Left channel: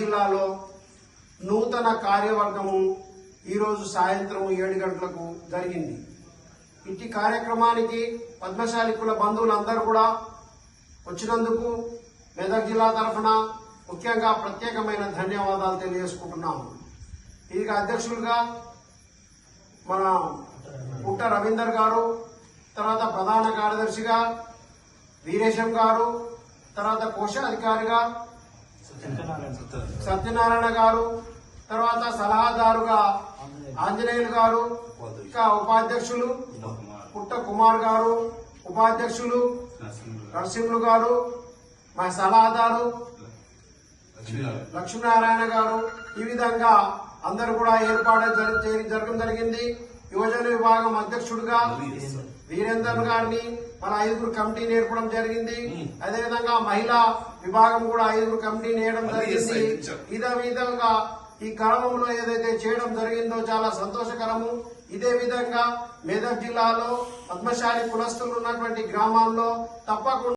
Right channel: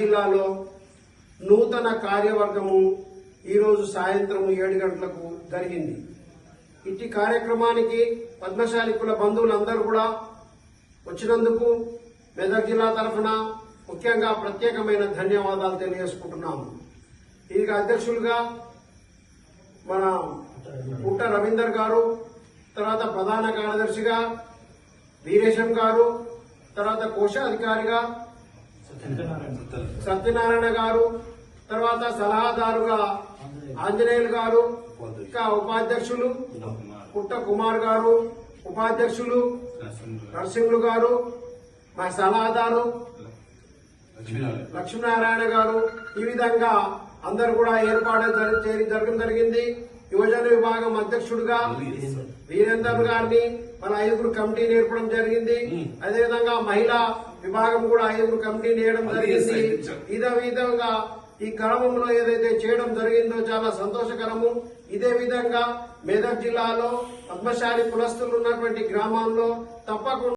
జిల్లాలో నూతన కార్యవర్గము ఈరోజు సాయంత్రం 7 గంటలకు జరిగింది. ఇట్టి కార్యక్రమానికి పద్మశాలి కుల బంధువులందరూ కూడా వచ్చినందుకు మెదక్ జిల్లా తరఫున ముఖ్యంగా ప్రత్యేకమైన ధన్యవాదాలు తెలియజేసుకుంటున్నాము. ఈ అధ్యక్షులుగా మన పుట్ట రవీందర్ గారు, తర్వాత ప్రధాన కార్యదర్శిగా వీరేశం గారు, తర్వాత కోశాధికారిగా సత్యనారాయణ గారు, తర్వాత సలహాదారుగా ఆంజనేయులు గారు, ఇంకా ఉపాధ్యక్షులు పుట్ట కుమార్ గారు, ఉపాధ్యక్షులు నరసింహులు గారు, మా సలహాదారు లక్ష్మీనారాయణ గారు, ఈ విధంగా అందరూ కూడా ఏర్పాటు జరగడం జరిగింది. యువజన విభాగం అధ్యక్షుడిగా వీరేందర్ గారిని మన 5 కమిటీని ఏర్పడం జరిగింది. అదేవిధంగా మహిళా విభాగం కూడా 5 కమిటీని వేయడం జరిగింది. ఇదే విధంగా ఈ క్రమంలో ఏదైతే చేయడం జరిగిందో చాలా సంతోషకరము. ఇదే విధంగా మెదక్ జిల్లాలో పద్మశాలి కులస్తులు ఉన్నటువంటి గ్రామాల్లో తప్పకుండా